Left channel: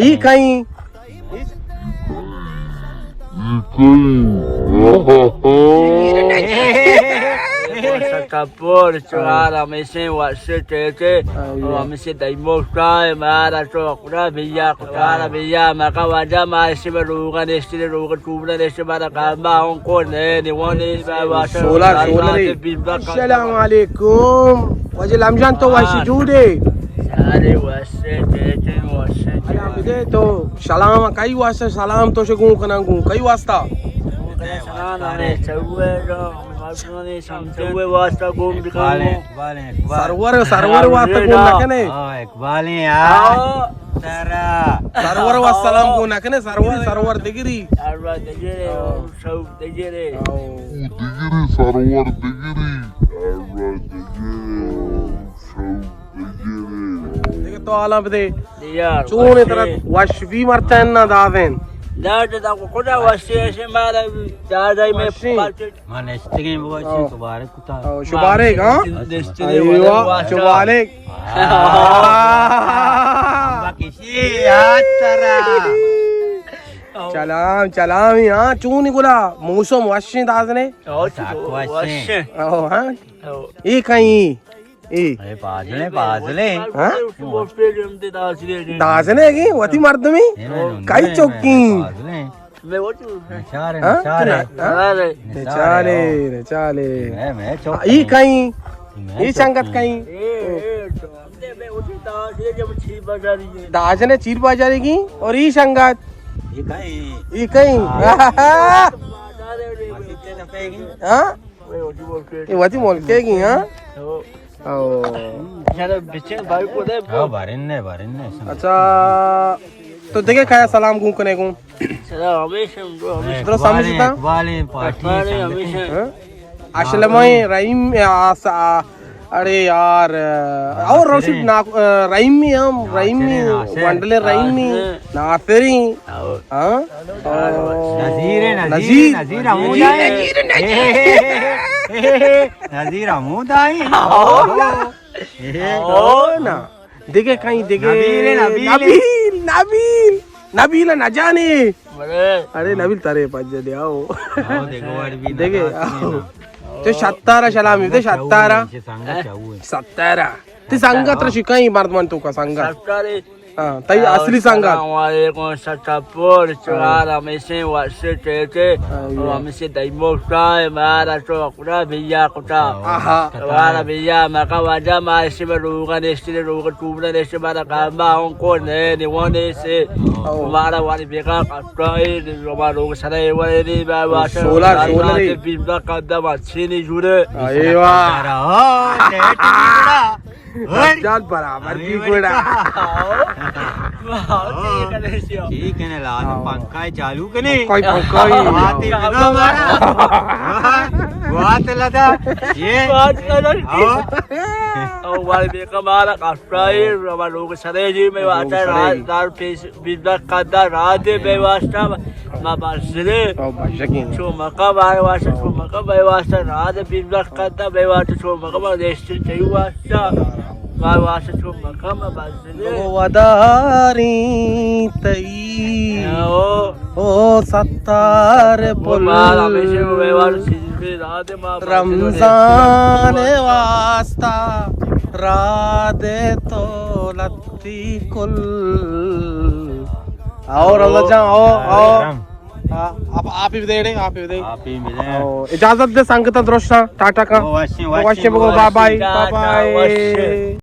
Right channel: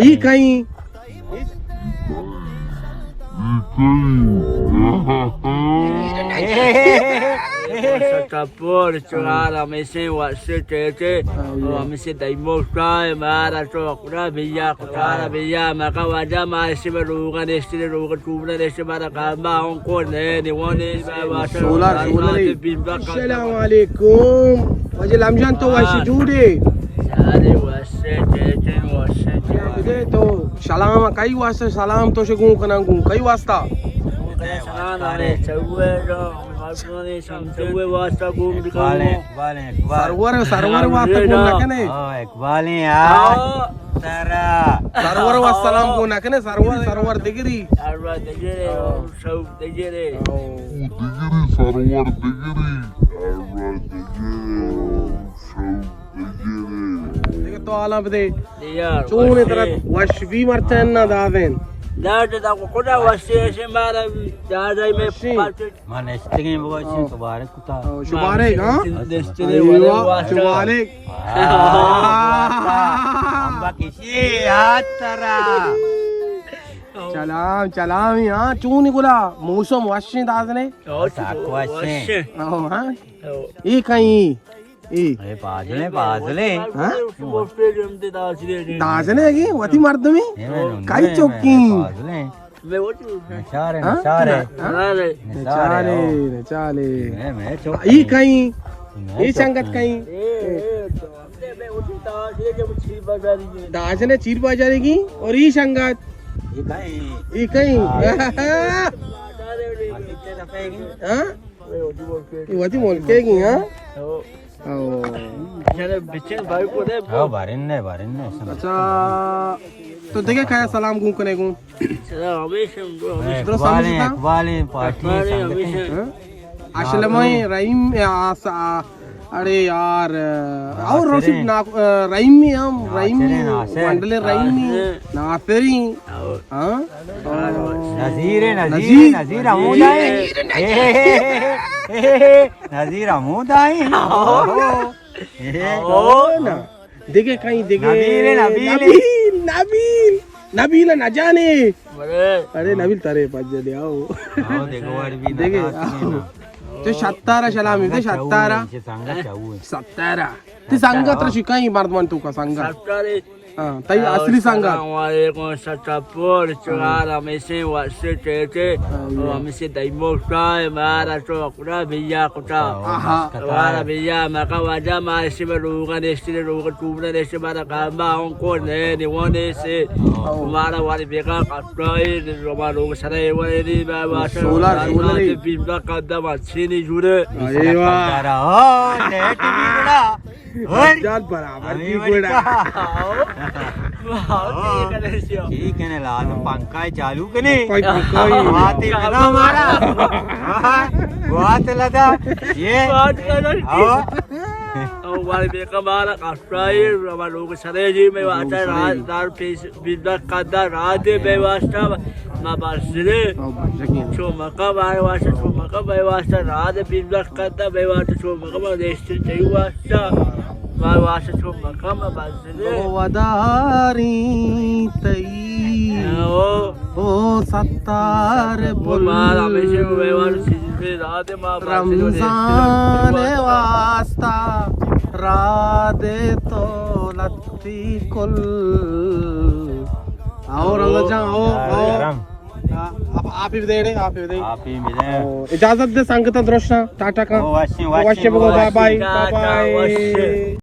ये कहीं Por suara mesin wasit tete, mesin daimos kaya mara sokra biya kutara biya maka wajah masih berungan istri rungan kubra istri mara kamba ongkor ni wani sahaja. solar. Assalamualaikum. Wajib Ramzan to wasi jude. Sari wasit tete wasit. Alam bide to salam kai wasta salam to segun kanangu kai wasta. Kaya sana ni cewek dong. Ni cewek wasta gum di kamu. Sarwar wasta gum nakane. Iqbal यार sarwar wassalam gum nakane sarwar digiri. Sarwar digiri, saub digiri. Dege to alam bide. Diyar. Chune tarat washbi martan na daven. Dada da kuda wasit semara dada me pakai. mana istri buat sih kebaran kita Shubarek ha? Aywa shubarek. चलाम यहाँ चून गुला मौसम वाशे दादने हाँ ये कहीं ये बाजले हाँ दादने की वती मर्द में कई चौकी चाले ये कहीं ये संगत कहीं दाजने चीर बाजारी की और ये संगत ये कहीं हाँ ये वती मोल के की हाँ अच्छा तो देखे क्या सलाम घूम करने को तो समझता असलमय रहीम अरे यार और रोसी ना रहीम में हम रहीम में वंडले रहीम में नातेरी हाँ नजीर अमूदाई ना देखे कहीं देखे नबील न जाने अरे नबील तारे पाँच जल्दी आओ देखे आओ ते सत्तारा सलामी ते सत्तारा ते संगत शिकाई मर्द मन तो का संगत हाँ तई असली संगत Por suara mesin wasit tete, mesin daimos kaya mara sokra biya kuta. Suara biya maka wajah masih berungan istri rungan kubra istri mara kamba ongkor ni wani se mara wani beka kasrai ni rumah rungan sana wani ni bawa solar bimba kada masini jure. Aywa जान बराबर भी बड़ा ठीक है ना लाल पंखा चालू कने कोई बात लगा ये बात लगा और वाले बेका मारा काफ्राई रमालोग सरे जी में वाता रात बिंदा कादा रात में वास्ता माबासरे चो मका बार वास्ता चो मका बार वास्ता रात बिंदा कादा में वास्ता चो मका बार देश चाहिए वास्ता बार वास्ता चो मका माबासरे वदारी तई ओ सत्तार मारा में से में वास्ता रमजान वास्ता राधे तो लत्ती कुल और अल्लाह जान आओ आप ही दे इजाजत दे संगत दृष्टा टाटा का बाय बाय